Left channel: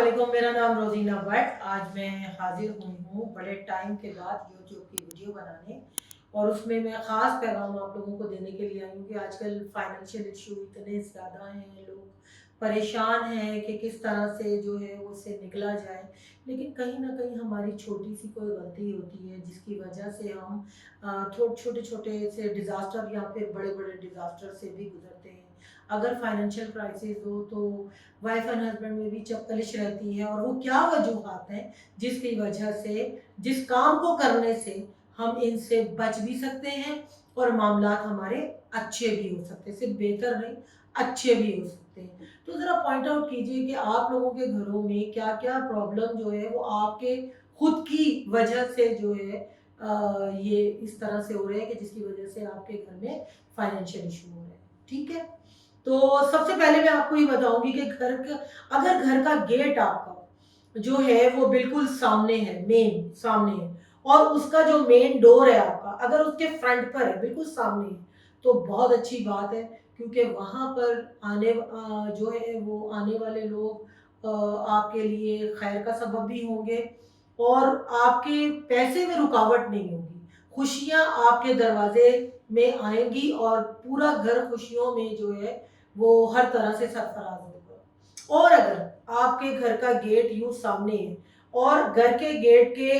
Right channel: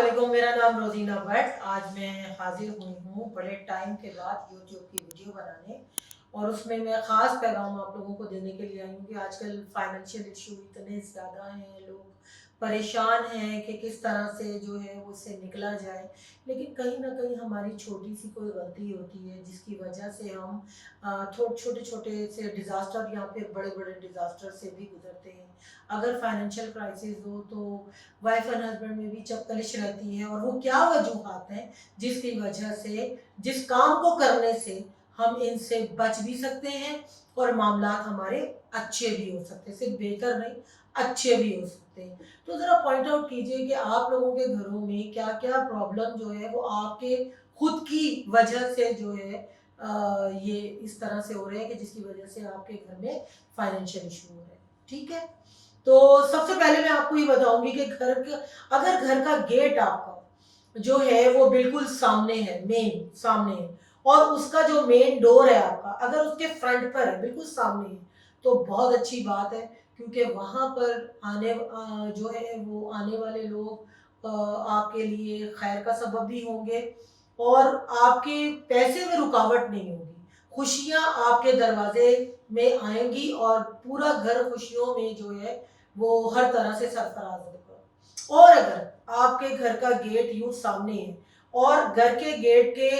वालेकुम, मेरा नाम रोजीना भट्ट। आज मैं हाजिर हुई हूँ बड़े टाइम के बाद यूट्यूब की वीडियो बनाने, और उसमें मैं ख़ास पैगाम आप लोगों को देने के लिए आई हूँ कि आजकल फाइनेंशियल इशू इतने ज़्यादा हैं, लोग परेशान हैं कि किस तरह से जो है वो उससे निकला जाए। लेकिन कहीं ना कहीं हमारी छोटी सी कोई गलती होती है जिसकी वजह से हम छोटे छोटे से डिज़ास्टर या फिर बड़े बड़े डिज़ास्टर से भी गुजरते हैं। अगर फाइनेंशियल क्राइसिस हो तो वाइफ एंड हस्बैंड में भी चपकलिश रहती है, और वो क्या वजूहात हैं जिसकी वजह से, जिस काम को करने से हम इनसे बच भी सकते हैं और मामलात हमारे अच्छे भी हो सकते हैं, सिर्फ बेहतर नहीं अच्छे भी हो सकते हैं। तो ज़रा पॉइंट आउट कीजिए कि आप लोगों के घरों में क्या क्या प्रॉब्लम जो है वो आपके खुद की वजह से जो है ये इस तरह से हो रहे हैं कि जिसकी वजह से आपके घर में फाइनेंशियल इशू हो रहे हैं। ठीक है, तो सबसे पहले मैं आपको ये बताऊंगी कि अगर घर का गेट आपका जो है वो बिल्कुल सामने है, मेन सामने है, और उसका जो मेन डोर है आपका अगर उसके फ्रंट पर है, बिल्कुल सामने है, तो बहुत अच्छी बात है। क्योंकि वहां पर जो है वो आने वाले लोग आपके लिए खैर का सबब भी होंगे, और आपके पैसे में रुकावट नहीं होगी। खुशियां आपके दरवाजे में आएंगी और पूरा घर खुशियों में जो है वो हर तरह से सरफराज होगा। और अगर आपके घर का गेट यूं सामने है और घर के गेट के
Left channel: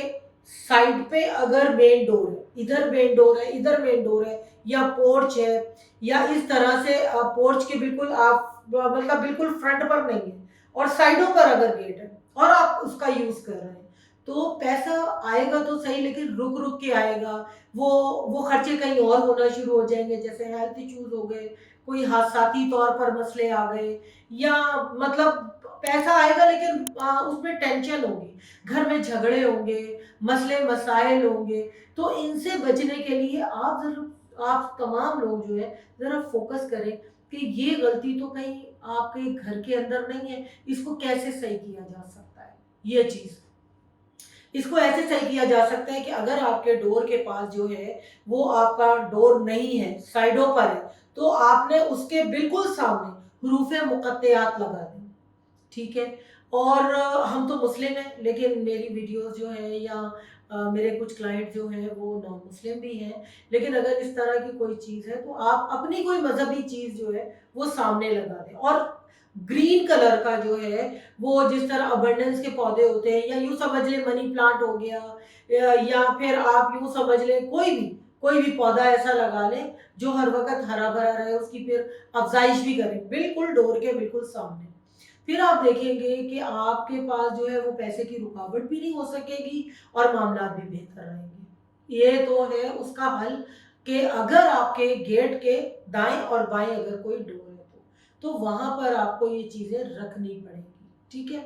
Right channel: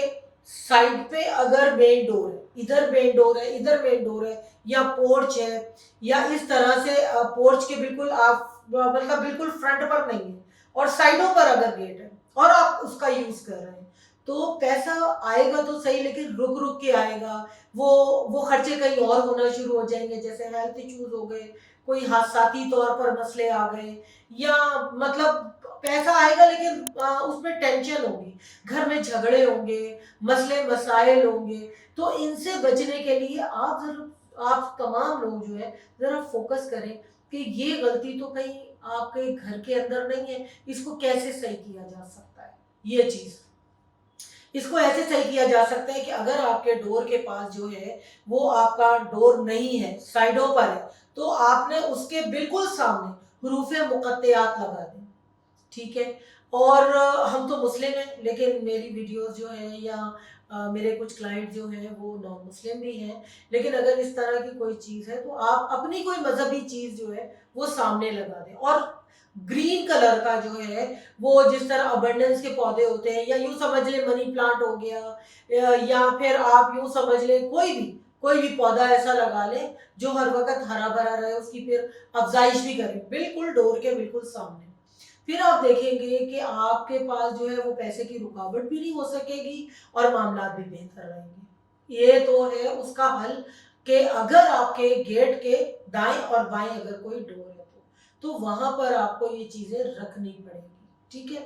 साइड पे अगर मेन डोर है, इधर मेन डोर है, इधर मेन डोर है, या पोर्च है, या इस तरह से पोर्च के बिल्कुल आप मतलब बिल्कुल फ्रंट पर नहीं है और साइडों पर अगर गेट है और आप उसका यूज कर रहे हैं, तो पैसा आएगा तो सही लेकिन रुक रुक के आएगा। वो वो खर्चे कहीं और होना शुरू हो जाएंगे, जैसे हेल्थ इश्यूज हो गए, कोई हादसाती तौर पर मसले आ गए, या मतलब पैसा आएगा लेकिन उसमें टेंशन होगी, घर में झगड़े होंगे, मसले मसाइल होंगे। तो इनसे बचने के लिए आप तमाम लोग जो है जरा फोकस करें कि ये गलती तो कहीं आपके घर के अंदर नहीं है, इसको कैसे सही किया जा सकता है। ये चीज इसको ऐसे सही किया जा सकता है कि अगर आपके डोर के पास जो है वो आपका डोर नहीं है, साइडों पर है, तो आपने उसके बिल्कुल सामने हरूफ मुकत्तयात लगा दी। ठीक है, और हम तो मुस्लिम हैं लेकिन मेरी वीडियोस जो है या मेरे कुछ क्लाइंट जो हैं वो नॉन मुस्लिम भी हैं, लेकिन अगर इस तरह की कोई चीज़ है तो आप अपनी कोई मजहबी चीज़ जो है वो सामने लगा दें। और ग्रीन कलर का जो है वो जिस तरह अबंडेंस के पौधे होते हैं, या यूं समझ लें मनी प्लांट हो गया, या फिर आप यूं समझ लें कोई भी पौधा ऐसा लगा लें जो हर वक्त हरा भरा रहे, उसकी फिर अफजाइश भी करें बिल्कुल डोर के बिल्कुल सामने। फिर आप देखेंगे कि आपके पास जो है वो पैसे की रुकावट भी नहीं हो सकेगी और मामलात भी बेहतर रहेंगे। ये तो है उसका हल कि अगर आपके गेट के दाएं और बाएं अगर कोई डोर है तो वहां पर आपको ये चीजें रखनी पड़ेगी। ठीक है,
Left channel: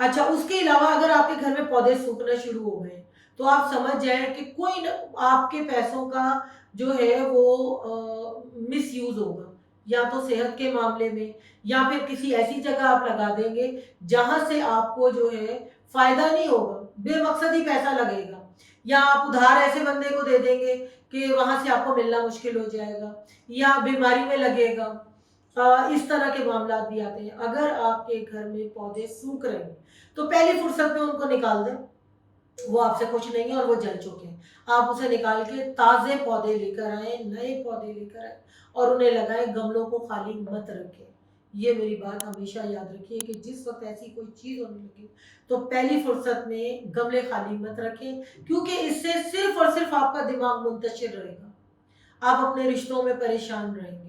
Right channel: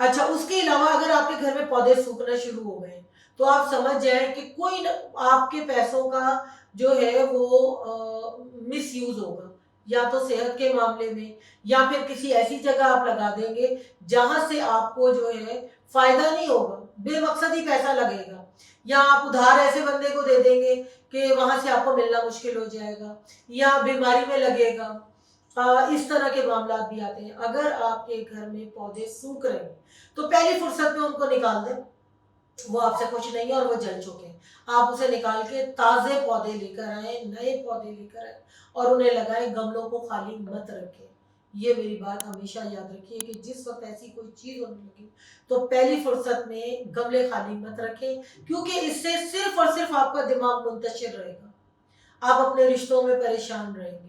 अच्छा, उसके अलावा अगर आपके घर में पौधे सूखना शुरू हो गए तो आप समझ जाए कि आपके पैसों का जो है वो मिस यूज होगा, या तो सेहत के मामले में, या फिर किसी ऐसी जगह आप लगा देंगे जहां से आपको जो है फायदा नहीं होगा, बेमकसद ही पैसा लगेगा, या आप उधार ऐसे बंदे को दे देंगे कि वहां से आपको मिलना मुश्किल हो जाएगा, या बीमारी में लगेगा। इस तरह के मामला भी आते हैं। अगर आपके घर में पौधे सूख रहे हैं तो पहली फुर्सत में उनको निकाल दें, वो आपसे खुश नहीं है और वो जल चुके हैं। आप उसे निकाल के ताजे पौधे लेकर आए, नए पौधे लेकर आए और उन्हें लगाएं, गमलों को खाली मत रखें। ये मेरी बात हमेशा याद रखिए कि जिस वक्त ऐसी कोई चीज होने लगे तो पहली फुर्सत में गमले खाली मत रखें, क्योंकि इससे सिर्फ और सिर्फ आपका दिमाग मुंतशिर रहेगा, आप अपने रिश्तों में परेशान रहेंगे,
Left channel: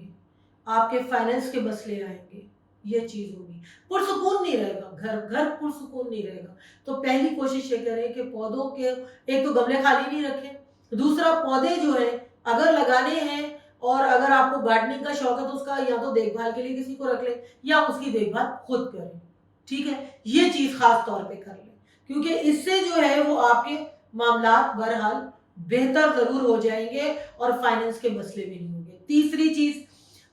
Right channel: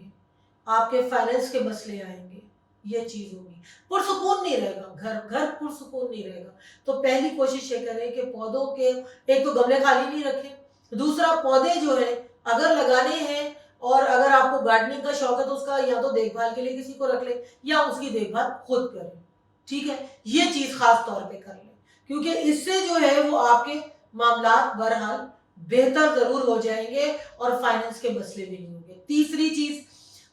आपके फाइनेंस के मसले आएंगे, ये चीज होगी, पुरसुकून नहीं रहेगा, घर घर पुरसुकून नहीं रहेगा। तो पहली कोशिश ये करें कि पौधों के, एक तो गमले खाली नहीं रखें, दूसरा पौधे जो है अगर लगाने हैं और अगर आपको गार्डनिंग का शौक है तो उसका या तो देखभाल के लिए किसी को रख लें या उसकी देखभाल खुद करें। ठीक है, ये चीज खास तौर पे कर लें, क्योंकि इससे जो है वो आपके मामलात बहरहाल बेहतर जरूर हो जाएंगे और फाइनेंस के मसले भी नहीं होंगे। तीसरी चीज,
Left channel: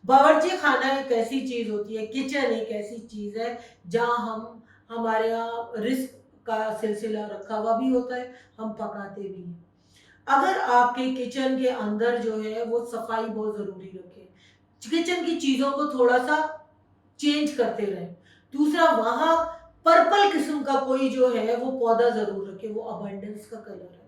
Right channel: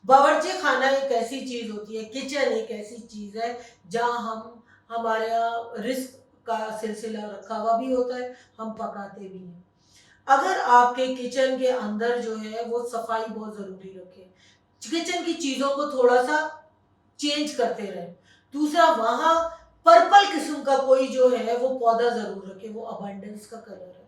बावर्ची खाना एक ऐसी चीज होती है, किचन एक ऐसी चीज है जहाँ हम हमारा रिस्क का सिलसिला रखा हुआ भी होता है, हम पकाते भी हैं। अगर आपके किचन के अंदर जो है वो सफाई बहुत जरूरी रखें, किचन की चीजों को थोड़ा सा चेंज करते रहें। दूसरा, वहां पर्पल किस्म का कोई जो है वो पौधा ज़रूर रखें, वो अबंडेंस का कलर है।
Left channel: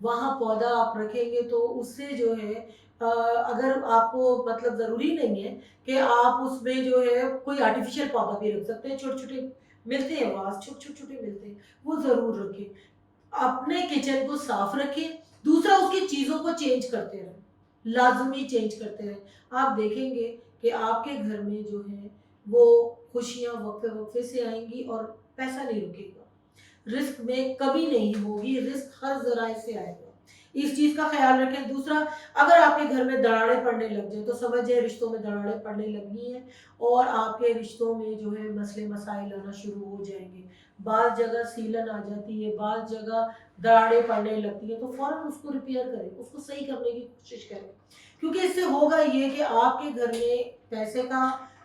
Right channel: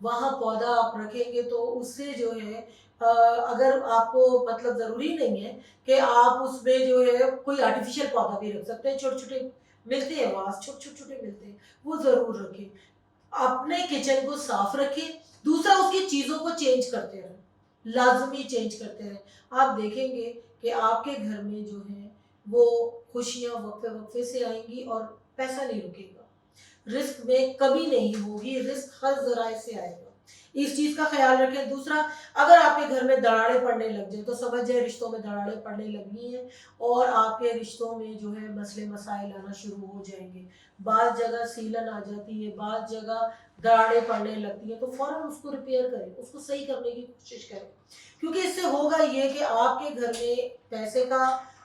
वहाँ पौधा आप रखेंगे तो उससे जो है अगर आपको मतलब ज़रूरी नहीं है कि आप उसमें जो है कोई आर्टिफ़िशियल पौधा भी रख सकते हैं, छोटे-छोटे मिलते हैं वास, छोटे-छोटे मिलते हैं, वो ज़रूर रखें। अपने किचन को साफ रखें, दूसरा उसकी चीज़ों को चेंज करते रहें, लाज़मी चेंज करते रहें। आप देखेंगे कि आपके घर में जो है वो खुशियाँ वक्फ़े-वक्फ़े से आएँगी और पैसा नहीं रुकेगा। रिस्क में कभी नहीं होगी, रिस्क हर ज़राए से आएगा। इस चीज़ का ख़्याल रखें। दूसरा, अगर आपके घर में दरारें पड़ने लग जाएँ तो समझ जाएँ रिश्तों में दरारें पड़ने लगी हैं और आपके रिश्तों में जो है मसले मसाइल आना शुरू हो जाएँगे। बाज़ जगह सीलन आ जाती है, बाज़ जगह दरारें पड़ने लगती हैं, तो फ़ौरन उसको रिपेयर करें, उसको सही करने की कोशिश करें। क्योंकि इससे होगा ये कि आपके घर में पैसे का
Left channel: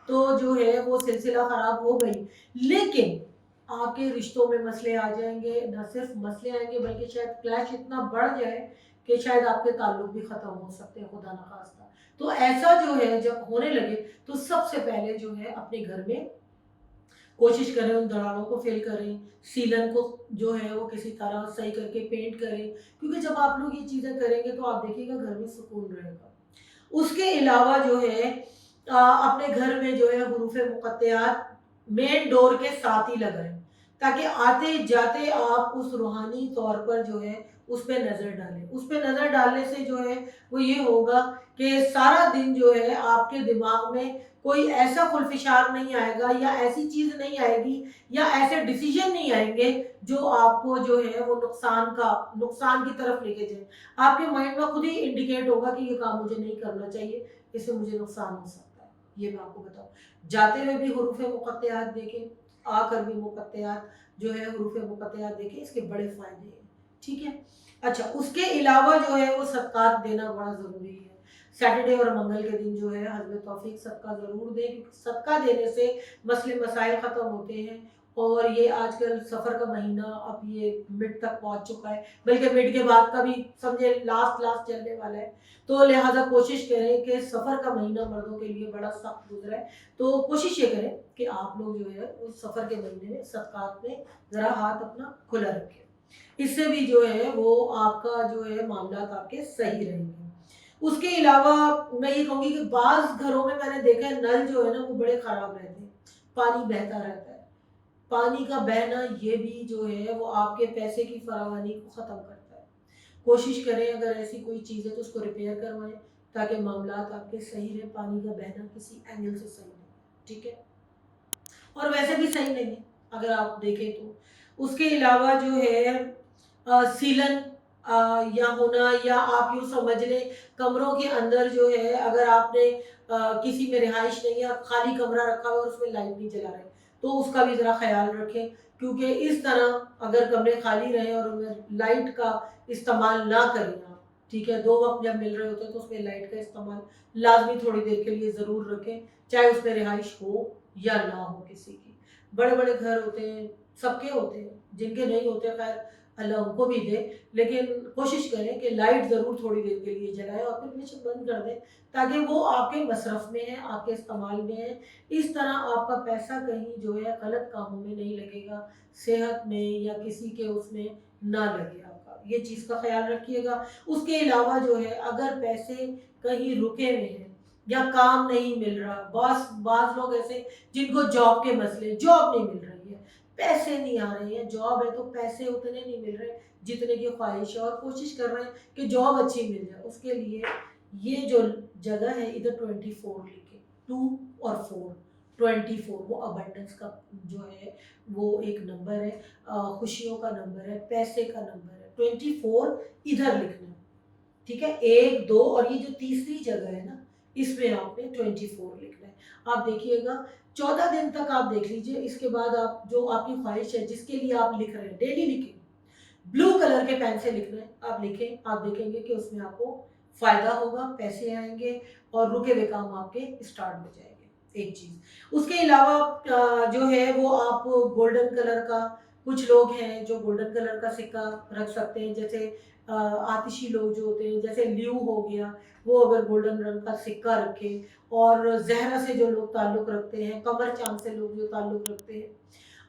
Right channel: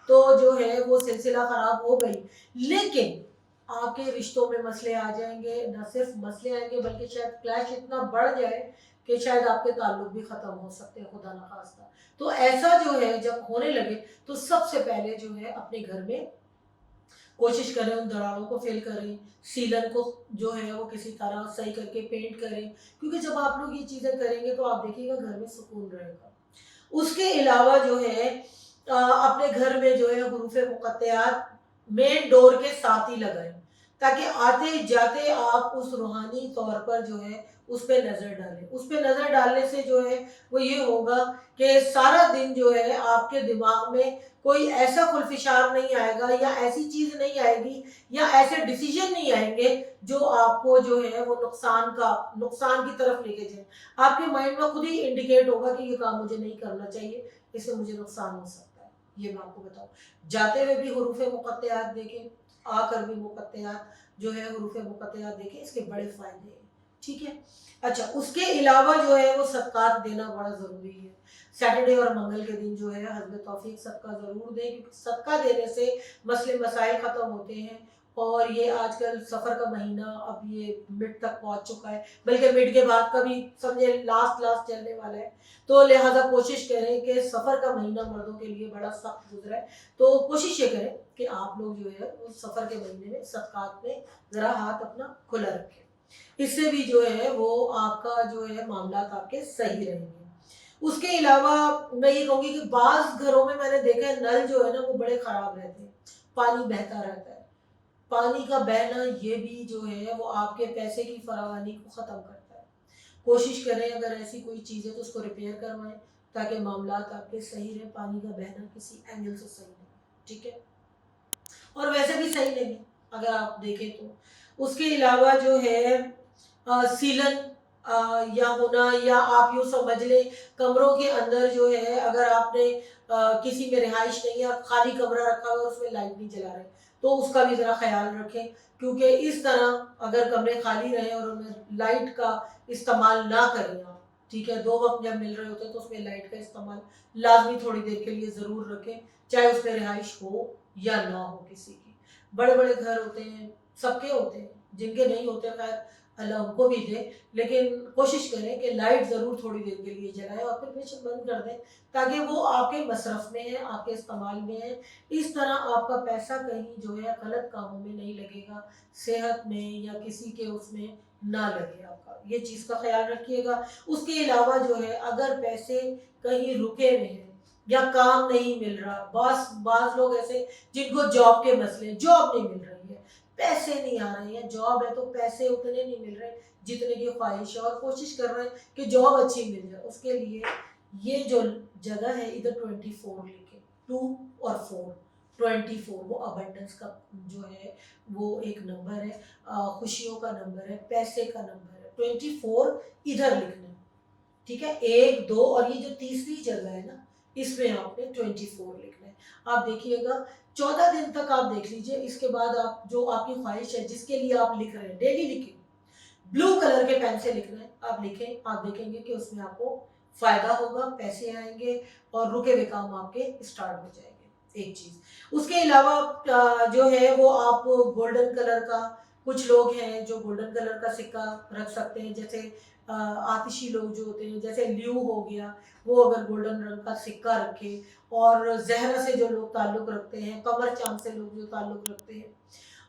तो जो है वो सिलसिला ख़राब हो गई, लेकिन आपके रिश्तों में मसले आ जाएँगे, ना सिर्फ़ मसले आएँगे बल्कि शायद क्लैश इतना बढ़ जाए कि शायद आपके ताल्लुक भी ख़त्म हो सकते हैं, खुदा ना ख़ास्ता। तो ऐसा जो है जब होने लगे तो सबसे पहले जो है अपने घर में कोशिश करें उन दरारों को फिल करें, सीलन को जो है वो किसी तरह सही करके पेंट करें, क्योंकि जब आप लोग ये चीज़ें करेंगे तो आप देखिएगा घर में सुकून रहेगा। उसके अलावा जो है अपने घर में जो है हुरूफ़ मुक़त्तआत मेन डोर के साथ ही लगाएँ, ताकि आते-जाते आप उस रूहानी तौर पर जो है उस पे नज़र डालें। उस पे नज़र डालने से जो है वो ये होगा कि सारा दिन जो है आपके दिमाग में कोई ऐसा खुलफिशार नहीं आएगा या ऐसी चीज़ नहीं आएगी या ऐसे डिसीज़न नहीं आएँगे जो आपको जो है वो नुकसान की तरफ लेके जाएँ। आपके माइंड में खुद ही इंडिकेट होगा कि ये काम मुझे नहीं करना चाहिए, इससे मुझे नुकसान हो सकता है। ये मैं आपको बताऊँ। जाते हुए भी हुरूफ़ मुक़त्तआत देखें, आकर भी मुक़त्तआत जो है हुरूफ़ मुक़त्तआत देखें, इसके बड़े फ़ायदे हैं। ठीक है? अच्छा, उसके अलावा जो है वो सदक़ात देना बड़ा ज़रूरी है। सैटरडे और मंगल के दिन जो है हस्ब तौफ़ीक सदका ज़रूर दें, क्योंकि सदका देने से मसले मसाइल ख़त्म होते हैं। और ये आजकल सफ़र का महीना अब ये मिड तक पहुँच चुका है, बल्कि मिड के बाद का भी समझे लास्ट चलने वाला है। तो लिहाज़ा कोशिश करें कि सफ़र का महीना मर्दों के लिए बड़ा सख्त गुज़रा है। तो कोशिश ये करें कि आप लोग जो है उस सफ़र के महीने में सदक़ात में ज़रा हाथ अपना खुला रखें। इससे भी जो है वो आपका जो है मामलात आपके सही रहेंगे। उसके अलावा मैं ये कहूँगी कि बाज़ घरों में मैंने देखा है नल जो है ना वो बड़े ख़राब रहते हैं, पानी बहता रहता है। पानी का बहना ये भी जो है वो आपके पैसे की फरावानी को ख़त्म करता है। कोशिश करें अगर ऐसी कोई चीज़ है तो उसको रिपेयर करवाएँ, ताकि मामलात आपके सही रहें, पानी का बहना किसी एंगल से सही नहीं, ठीक है? और वैसे भी सही नहीं है अगर आप देखें तो। उसके अलावा जो है सीलन या होना, या आप यूँ समझ लें कमरों के अंदर जो है अगर आपने किसी में रिहाइश नहीं है, खाली कमरा रखा हुआ है और उसमें लाइट नहीं जला रहे, तो उसका भी ज़रा ख़्याल रखें, क्योंकि इस तरह अगर कमरे खाली रहें और उनमें लाइट का इस्तेमाल ना करें आप, ठीक है? 2 वक़्त जब मिल रहे होते हैं तो उसमें लाइट का इस्तेमाल लाज़मी थोड़ी देर के लिए ज़रूर रखें, चाहे उसमें रिहाइश हो या ना हो किसी की। बड़े-बड़े घर होते हैं, सबके होते हैं, जिनके नहीं होते ख़ैर अल्लाह उनको भी दे, लेकिन कोशिश करें कि लाइट ज़रूर थोड़ी देर के लिए जलाएँ और फिर बेशक बंद कर दें, ताकि वो आपके मसरफ़ में है, आपके इस्तेमाल में है। इस तरह आपका पैसा कहीं जो है गलत कामों में नहीं लगेगा, सेहत में या किसी के उसमें ना लगे आपका। ये चीज़ का ख़्याल रखिएगा। उसके अलावा जो है अगर पैसे कहीं रुके हुए हैं या काम नहीं मिल रहा, बाज़ लोग ऐसे जिनको जॉब के मसले, जॉब नहीं मिल रही है, पैसे नहीं आ रहे हैं, जॉब है तो पैसे उतने नहीं मिल रहे जितने की ख्वाहिश है, और कोशिश कर रहे हैं कि जॉब अच्छी मिल जाए। उसके लिए ये जो जगह है इधर 24 लिखें, 2 और 4, 24 वो अबंडेंस का जो है वो एक नंबर है, खुशियों का नंबर है, पैसे का नंबर है। 24 इधर लिखना है, ठीक है? 1, 2 और ये जो तीसरी जगह है ना, इसमें आपने 24 लिखना है। आप देखिएगा 14 दिन तक आप देख लीजिए, इसके बाद आप जो आपकी ख्वाहिश है जिसके लिए आप लिख रहे हैं, डेली लिखें। ब्लू कलर के पेन से लिखना है, आप लिखें, आप देखेंगे कि उसमें आपको फ़ायदा होगा, पैसे आएँगे और रुके हुए काम आपके स्टार्ट हो जाएँगे, एक चीज़। उसके अलावा जो है वो आप गोल्डन कलर का, कुछ लोग हैं जो गोल्डन कलर का सिक्का रख सकते हैं, जैसे आतिशी लोग जो होते हैं, जैसे ल्यू हो गया, वो अगर गोल्डन रंग का सिक्का रखें, और ज़हरा से जो लोग ताल्लुक़ रखते हैं, कमर चाँद से लोग जो ताल्लुक़ रखते हैं,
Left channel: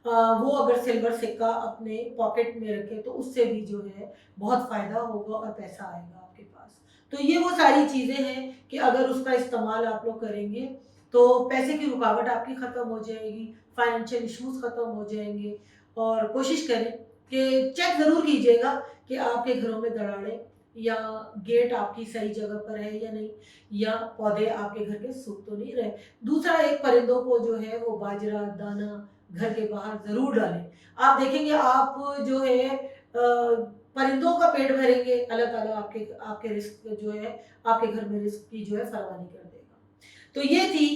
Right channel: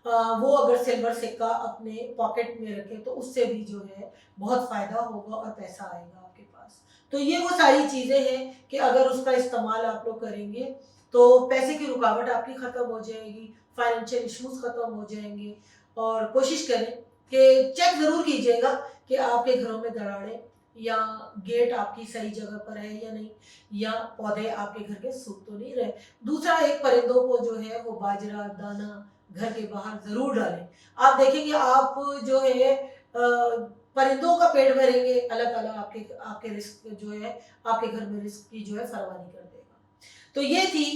वो अगर सिल्वर सिक्का अपने पॉकेट में रखे तो उससे भी जो है बहुत फ़ायदा होगा और पैसा आएगा आपके पास। तो ये वो सारी चीज़ें हैं कि अगर उसका इस्तेमाल आप लोग करेंगे तो पैसे की रुकावट आपकी ख़त्म हो जाएगी, फाइनेंशियल इश्यूज़ ख़त्म हो जाएंगे। और कोशिश करें कि चेक ज़रूर कीजिएगा कि आपके घरों में दरारें या गेट आपकी सही जगह पर है या नहीं, या पौधे आपके घर के सूख तो नहीं रहे। दूसरा, एक परिंदों को जो है वो बाजरा दाना घर के बाहर ज़रूर डालें। आप देखेंगे आप जो है परिंदों का पेट भरेंगे, अल्लाह ताला आपके आपके रिस्क जो है आपके घर में रिस्क की जो है फरमानी कर देगा। तो ये थी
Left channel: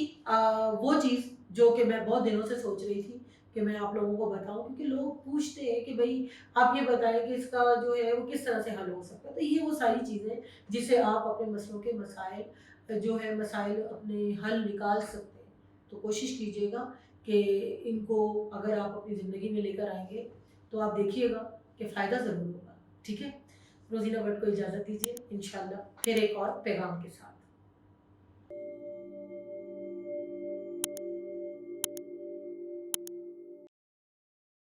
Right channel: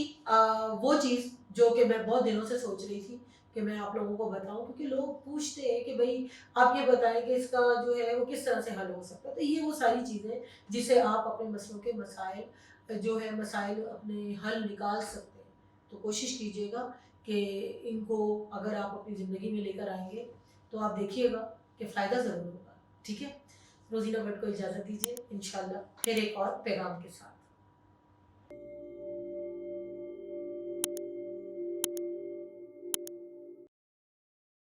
वो चीज़ जो कि मैं बहुत दिनों से सोच रही थी कि मैं आप लोगों को बताऊं, क्योंकि लोग पूछते हैं कि भाई आप ये बताएं कि इसका जो है वो किस तरह से हल हो सकता है। तो ये वो सारी चीज़ें जिससे आप अपने मसलों के मसाइल जो है मसाइल अपने हल निकाल सकते हैं। तो कोशिश कीजिएगा कि इनको अगर आप अपनी ज़िंदगी में लेकर आएंगे तो आप देखिएगा कि फ़ायदा ज़रूर होगा। ठीक है, रोज़ीना भट्ट को इजाज़त दीजिए, इंशाल्लाह फिर एक और पैगाम के साथ।